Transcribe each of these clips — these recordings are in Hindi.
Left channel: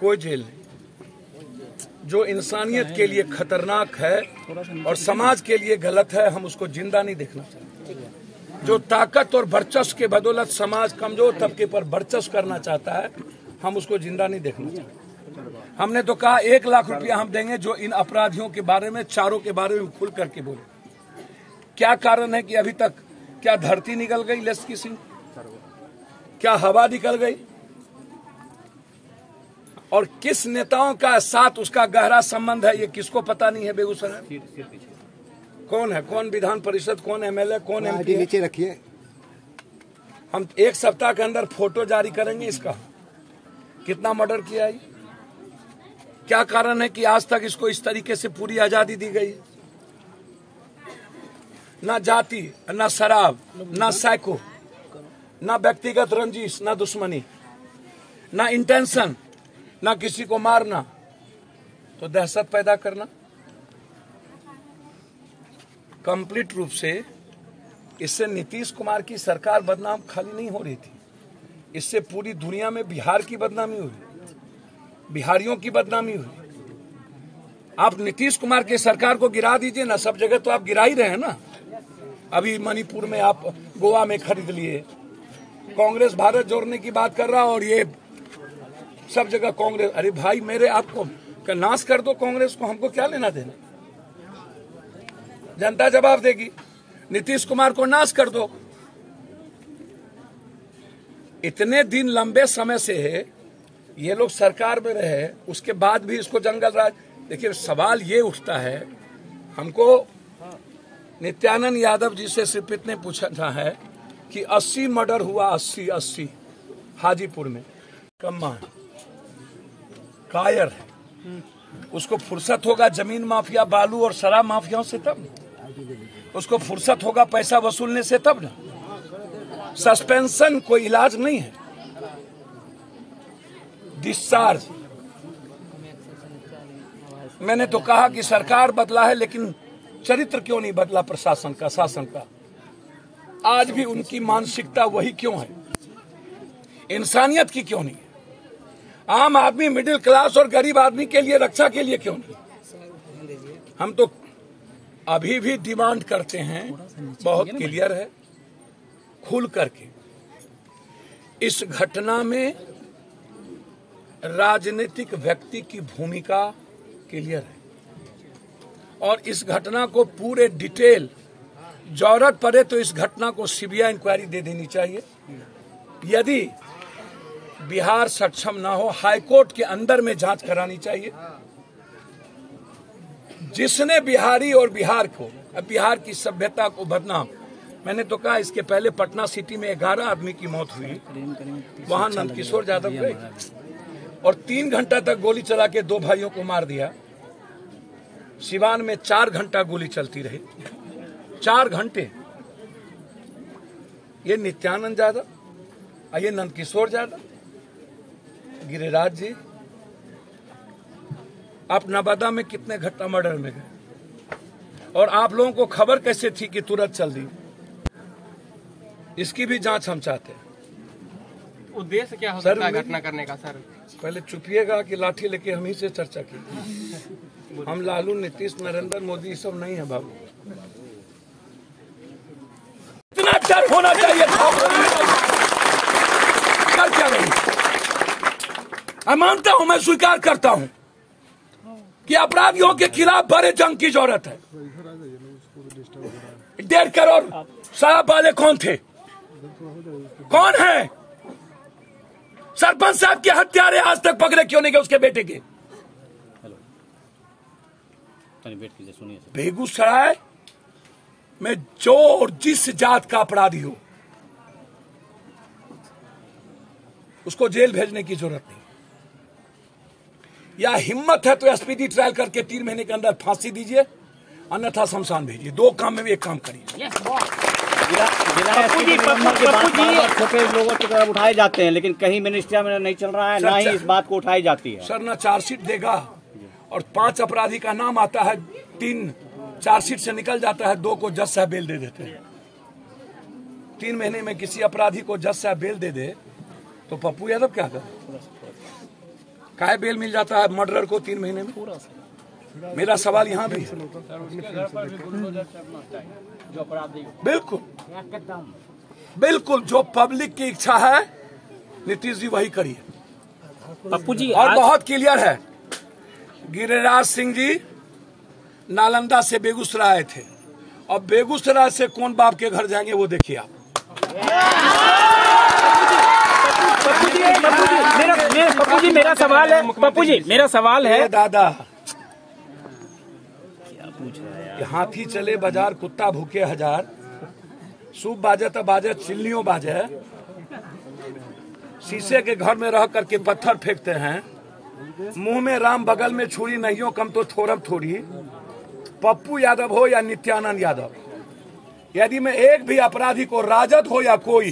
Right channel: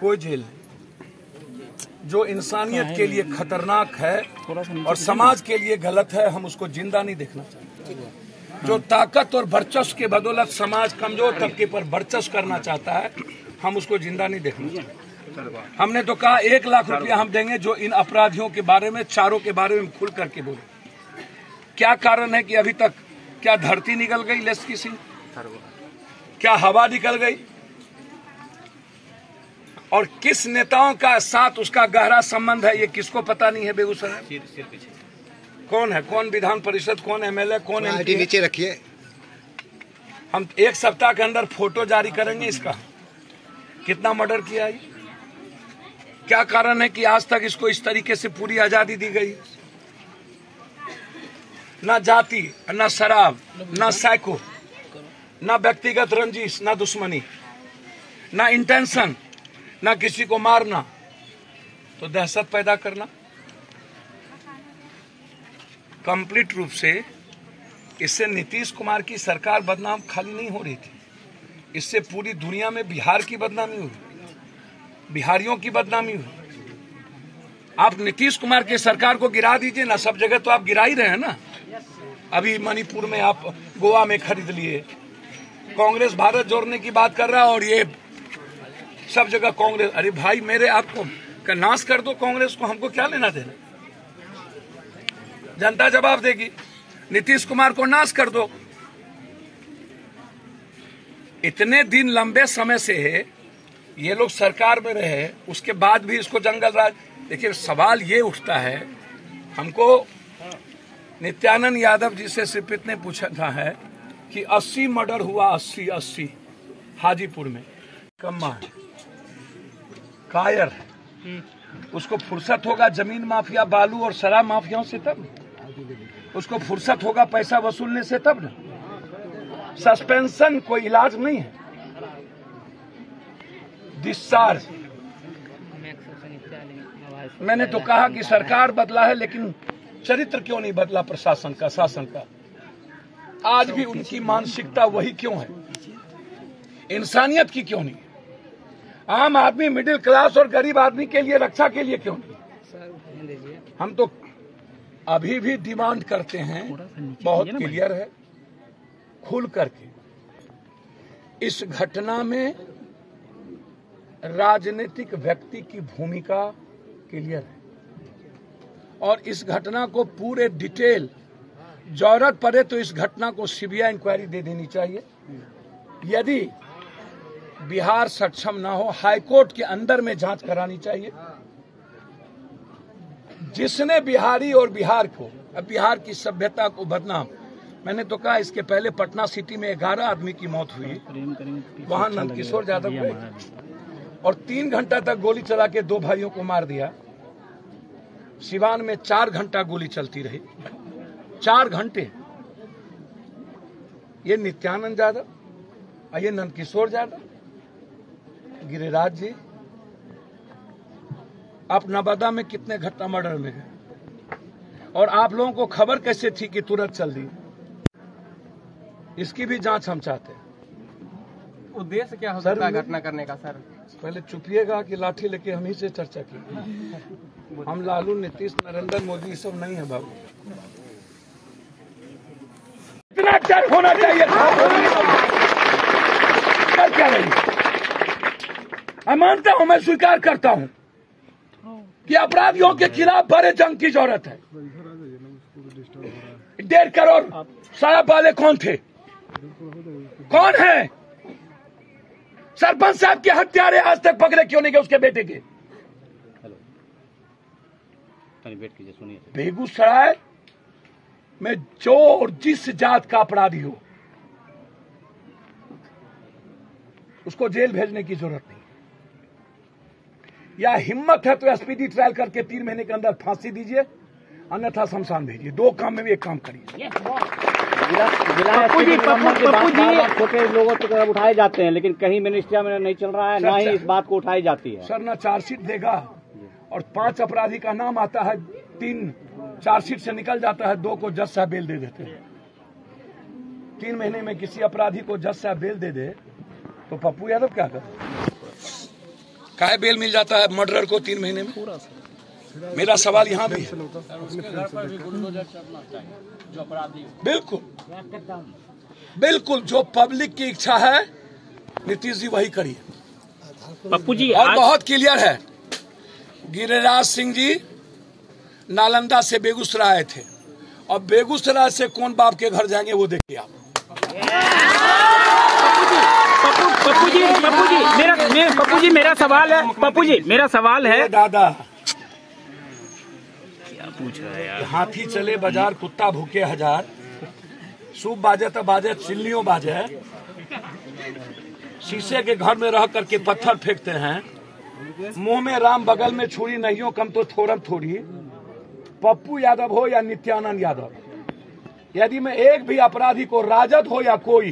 कोई जेल नहीं। जो इंसानियत के लिए खतरनाक है और समाज के लिए गलत है, हम उसको जिंदा नहीं देखना चाहते। जो ताकत और वर्चस्व के बदौलत समाज कमजोर तबके पर वर्चस्व करना चाहता है, हम उसको जिंदा नहीं देखना चाहते। हमने तो कहा 1 लाख रुपया हम देंगे जो इन अपराधियों के बारे में, चारों के बारे में खुल करके बोले। क्या कारण है कि अभी तक क्या धरती निकल गई लेस्की सिंह? क्या हवा निकल गई? और किस नेताओं का साथ उसका गहरा संबंध है, ये किसको पता नहीं है बेगूसराय? कौन है, कौन विधान परिषद, कौन एमएलए, कौन एमपी? नीचे रखिए। हम 1 सप्ताह के अंदर फोटो जारी करेंगे इसका, कितना मर्डर किया है, क्या कारण है कि आज तक इसको इस तरीके से पूरी आजादी दी गई? ना जाति, ना शराब, ना साइको, ना व्यक्तिगत रंजिश, ना दुश्मनी, ना इंटेंशन, ना किसी को मारना, तो दहशत पैदा करना। कंप्लीट रूप से इससे नीतीश कुमार की सरकार बदनाम खाली नहीं हो रही थी, इससे पूरी दुनिया में बिहार की बदनामी हुई, बिहारियों की बदनामी हुई। आप नीतीश कुमार की सरकार को गिरा दीजिए ना, सब जगह तो आप गिरा ही रहे हैं ना। अभी मणिपुर में आप गोवा में खरीद लिए, कांग्रेस भारत जोड़ने की बात कर रहा है और ये सब जगह कांग्रेस। अरे भाई मेरे, आपको का नाश कर दो कांग्रेस को, हमको क्या लेना देना? जनता जवाब देगी। नीतीश कुमार को नाश कर दो। इतने दिन लंबे समय से है ये लोग सरकार में रहे, उसके बाद भी इसको जंगल राज। देखिए सवाल ये उठता है, हमको नित्यानंद यादव जी से श्रीपित ने पूछा है कि 80 मर्डर हुआ, 80 हाजीपुर में। कम्मा कायर है, उसको फुर्सत होगा जमीन माफिया, बालू और शराब माफियाओं से तब, उसको फुर्सत होगा पैसा वसूलने से तब ना। सस्पेंशन कोई इलाज नहीं है, डिस्चार्ज। मैंने तो कहा कि सरकार बदला है, लेकिन चरित्र क्यों नहीं बदला प्रशासन का, शासन का? आज भी उनकी मानसिकता वही क्यों है? इंसानियत की क्यों नहीं? आम आदमी, मिडिल क्लास और गरीब आदमी के लिए, रक्षा के लिए क्यों नहीं? हम तो अभी भी डिमांड करते हैं, बहुत क्लियर है, खुल करके इस घटना में राजनीतिक व्यक्ति की भूमिका क्लियर है और इस घटना को पूरे डिटेल, जरूरत पड़े तो इस घटना को सीबीआई इंक्वायरी दे देनी चाहिए। यदि बिहार सक्षम ना हो, हाईकोर्ट के अंदर में जांच करानी चाहिए। जिसने बिहारी और बिहार को, बिहार की सभ्यता को बदनाम, मैंने तो कहा इसके पहले पटना सिटी में 11 आदमी की मौत हुई, वहां नंदकिशोर यादव गए और 3 घंटा तक गोली चला के 2 भाइयों को मार दिया। सिवान में 4 घंटा गोली चलती रही, 4 घंटे। ये नित्यानंद यादव, ये नंदकिशोर यादव, गिरिराज जी, आप नवादा में कितने घटना मर्डर में गए और आप लोगों को खबर कैसे थी कि तुरंत चल दी? इसकी भी जांच हम चाहते हैं। उद्देश्य क्या हो सकता है घटना करने का? सर पहले चुपिएगा कि लाठी लेके हम ही से चर्चा की। हम लालू, नीतीश, नरेंद्र मोदी सब नहीं है बाबू। इतना डर होना चाहिए था, डर क्या नहीं? मैं मानता हूं, मैं स्वीकार करता हूं कि अपराधियों के खिलाफ बड़े जंग की जरूरत है। 1.5 करोड़ साहब वाले कौन थे? कौन है? सरपंच साहब के हत्यारे आज तक पकड़े क्यों नहीं गए उसके बेटे के? बेगूसराय में जो और जिस जात का अपराधी हो उसको जेल भेजने की जरूरत नहीं। या हिम्मत है तो एसपीडी ट्रायल करके 3 महीने के अंदर फांसी दीजिए, अन्यथा शमशान भेजिए। 2 काम में भी एक काम करिए। पप्पू जी छोटे लोगों की तरफ उठाए जाते हैं, लेकिन कहीं मिनिस्ट्रिया में नहीं चल रहा है, ना ही इस बात को उठाई जाती है। सर ना चार्जशीट देगा और 5 अपराधी का नाम आता है, 3 चार्जशीट से निकल जाता है, 2 को जज साहब बेल दे देते हैं। 3 महीने में किसी अपराधी को जज साहब बेल दे दे तो पप्पू यादव क्या करे? काहे बेल मिल जाता है मर्डरर को 3 महीने में? मेरा सवाल यहाँ भी है। बिल्कुल बिल्कुल, जो पब्लिक की इच्छा है नीतीश जी वही करिए। पप्पू जी और बहुत क्लियर है, गिरिराज सिंह जी नालंदा से बेगूसराय आए थे, और बेगूसराय से कौन बाप के घर जाएंगे वो देखिए आप। पप्पू जी मेरा सवाल है, पप्पू जी मेरा सवाल है। दादा हाथी चले बाजार, कुत्ता भूखे हजार, सूप बाजे तो बाजे, चिल्लियों बाजे, शीशे के घर में रह करके पत्थर फेंकते हैं, मुंह में राम बगल में छुरी, नहीं कम तो थोरम थोड़ी। पप्पू यादव हो या नित्यानंद यादव, यदि मैं एक भी अपराधी को, राजद हो या कोई,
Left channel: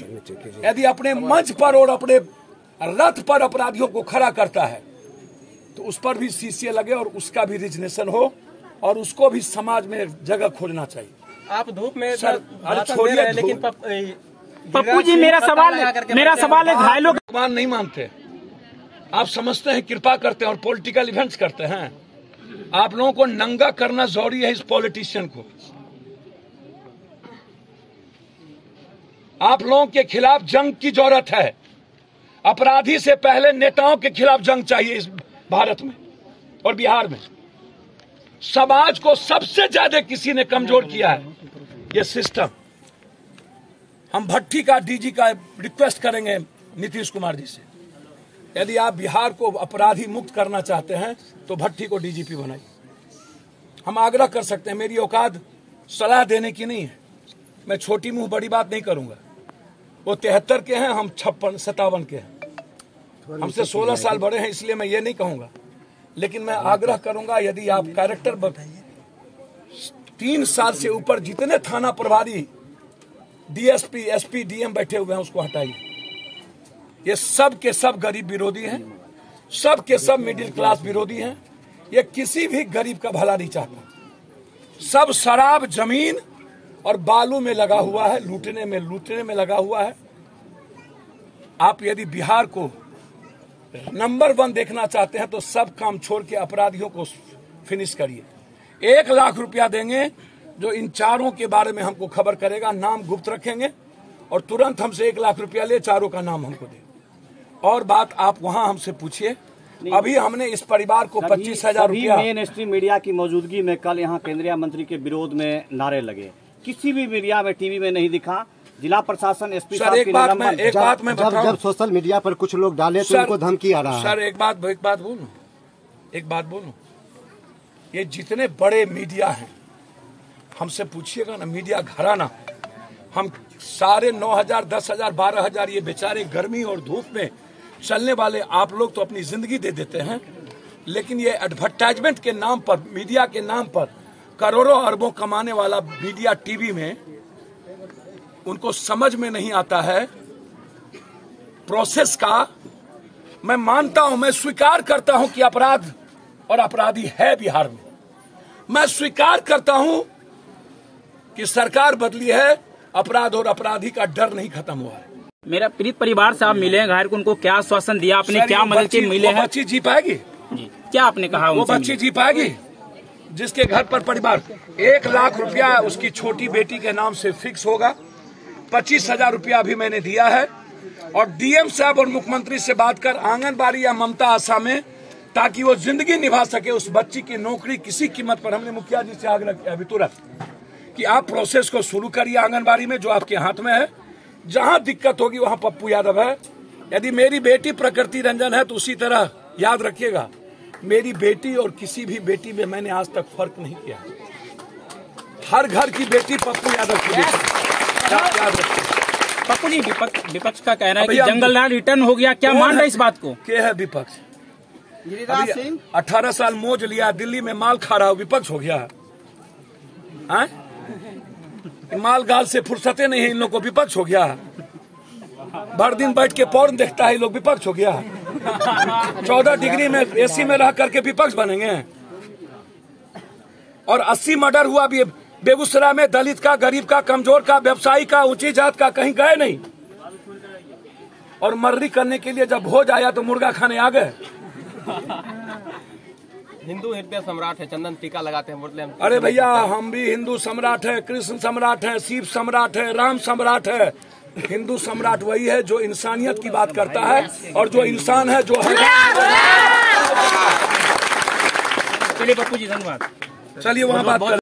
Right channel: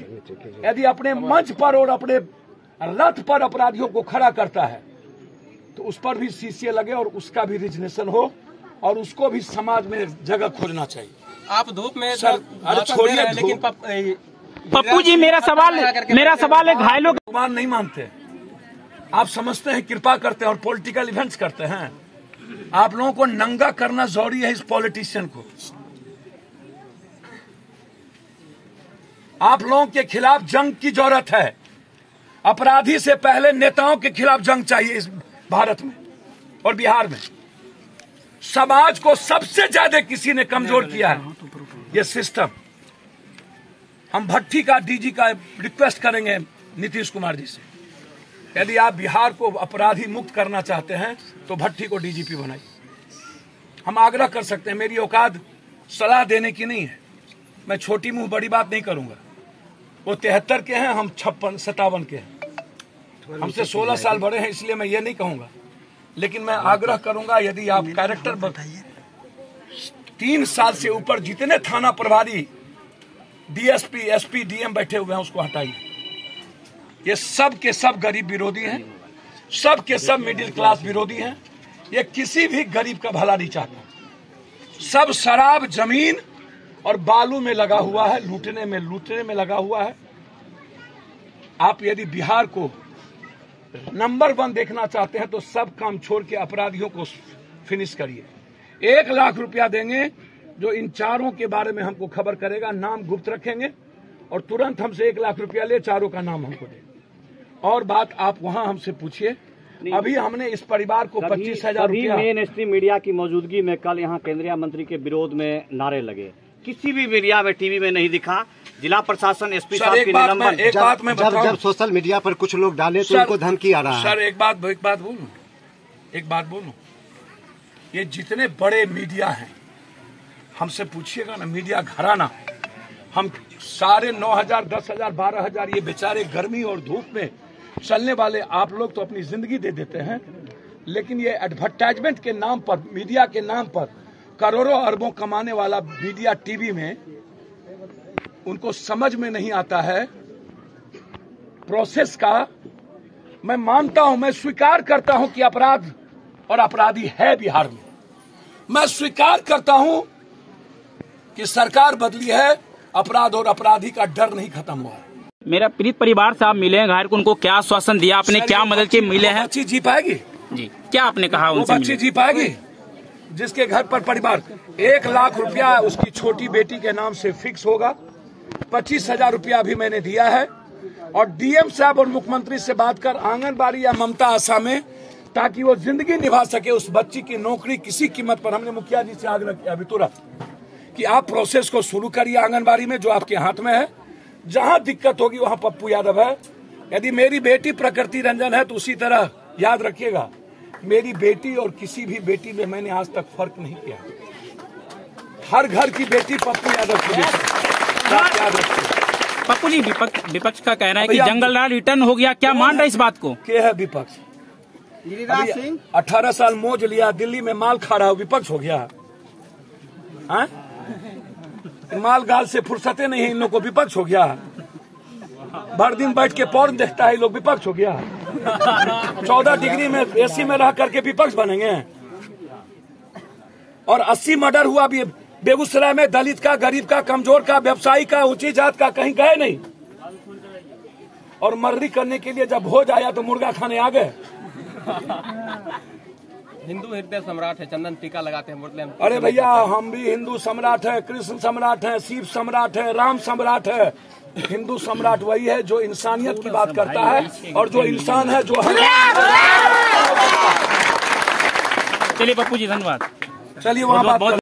यदि अपने मंच पर और अपने रथ पर अपराधियों को खड़ा करता है तो उस पर भी शीशे लगे और उसका भी रिजनेशन हो और उसको भी समाज में जगह खोजना चाहिए। आप धूप में सर अरे छोड़िए, लेकिन पप्पू जी मेरा सवाल है, घायलों भगवान नहीं मानते, आप समझते हैं कृपा करते हैं और पॉलिटिकल इवेंट्स करते हैं। आप लोगों को नंगा करना जरूरी है इस पॉलिटिशियन को। आप लोगों के खिलाफ जंग की जरूरत है। अपराधी से पहले नेताओं के खिलाफ जंग चाहिए इस भारत में और बिहार में। समाज को सबसे ज्यादा किसी ने कमजोर किया है, ये सिस्टम। हम भट्टी का डीजी का रिक्वेस्ट करेंगे नीतीश कुमार जी से, यदि आप बिहार को अपराधी मुक्त करना चाहते हैं तो भट्टी को डीजीपी बनाइए। हम आग्रह कर सकते हैं, मेरी औकात सलाह देने की नहीं है, मैं छोटी मुंह बड़ी बात नहीं करूंगा। वो 73 के हैं, हम 56-57 के हैं, हमसे 16 साल बड़े हैं, इसलिए मैं ये नहीं कहूंगा। लेकिन मैं आग्रह करूंगा, यदि आप कैरेक्टर 3 साल से ऊपर जितने थाना प्रभारी, डीएसपी, एसपी, डीएम बैठे हुए हैं उसको हटाइए। ये सब के सब गरीब विरोधी हैं, सब के सब मिडिल क्लास विरोधी हैं। ये किसी भी गरीब का भला नहीं चाहता। सब शराब, जमीन और बालू में लगा हुआ है, लूटने में लगा हुआ है। आप यदि बिहार को नंबर 1 देखना चाहते हैं तो सब काम छोड़ के अपराधियों को फिनिश करिए। 1 लाख रुपया देंगे, जो इन चारों के बारे में हमको खबर करेगा, नाम गुप्त रखेंगे और तुरंत हमसे 1 लाख रुपया ले, चारों का नाम हमको दे। और बात आप वहां हमसे पूछिए। अभी हमने इस परिवार को 25,000 रुपया। मेन स्ट्रीम मीडिया की मौजूदगी में कल यहाँ केंद्रीय मंत्री के विरोध में नारे लगे, किसी भी मीडिया में, टीवी में नहीं दिखा। जिला प्रशासन, एसपी साहब की निलंबन। जब सोशल मीडिया पर कुछ लोग डाले तो उनको धमकी आ रहा है। सर एक बात बोलूं, ये जितने बड़े मीडिया हैं हमसे पूछिएगा ना, मीडिया घराना, हम सारे 9,000, 10,000, 12,000 ये बेचारे गर्मी और धूप में चलने वाले आप लोग तो अपनी जिंदगी दे देते हैं, लेकिन ये एडवर्टाइजमेंट के नाम पर, मीडिया के नाम पर करोड़ों अरबों कमाने वाला मीडिया टीवी में, उनको समझ में नहीं आता है प्रोसेस का। मैं मानता हूं, मैं स्वीकार करता हूं कि अपराध और अपराधी है बिहार में। मैं स्वीकार करता हूं कि सरकार बदली है, अपराध और अपराधी का डर नहीं खत्म हुआ है। मेरा पीड़ित परिवार से आप मिले हैं, घायल को उनको क्या आश्वासन दिया आपने, क्या मदद की मिले हैं? बच्ची जी पाएगी जी, क्या आपने कहा? वो बच्ची जी पाएगी जिसके घर पर परिवार 1 लाख रुपया उसकी छोटी बेटी के नाम से फिक्स होगा। 25,000 रुपया भी मैंने दिया है और डीएम साहब और मुख्यमंत्री से बात कर आंगनबाड़ी या ममता आशा में, ताकि वो जिंदगी निभा सके, उस बच्ची की नौकरी किसी कीमत पर। हमने मुखिया जी से आग्रह किया अभी तुरंत कि आप प्रोसेस को शुरू करिए आंगनबाड़ी में, जो आपके हाथ में है। जहां दिक्कत होगी वहां पप्पू यादव है। यदि मेरी बेटी प्रकृति रंजन है तो उसी तरह याद रखिएगा, मेरी बेटी और किसी भी बेटी में मैंने आज तक फर्क नहीं किया। हर घर की बेटी पप्पू यादव की बेटी, याद रखिए। पप्पू जी, विपक्ष का कहना है कि जंगल राज रिटर्न हो गया, क्या मान रहे इस बात को? क्या है विपक्ष? 18 साल मौज लिया, दिल्ली में माल खा रहा, विपक्ष हो गया? माल गाल से फुर्सते नहीं है इन लोग को, विपक्ष हो गया? भर दिन बैठ के पॉर्न देखता है, लोग विपक्ष हो गया? 14 डिग्री में एसी में रह करके विपक्ष बनेंगे? और 80 मर्डर हुआ भी बेगूसराय में, दलित का, गरीब का, कमजोर का, व्यवसायी का, ऊंची जात का, कहीं गए और मर्री करने के लिए जब भोज आया तो मुर्गा खाने आ गए। हिंदू हृदय सम्राट है, चंदन टीका लगाते हैं, बोलते हैं अरे भैया हम भी हिंदू सम्राट है, कृष्ण सम्राट है, शिव सम्राट है, राम सम्राट है। हिंदू सम्राट वही है जो इंसानियत की बात करता है और जो इंसान है जो है। चलिए पप्पू जी धन्यवाद। चलिए वहाँ बात कर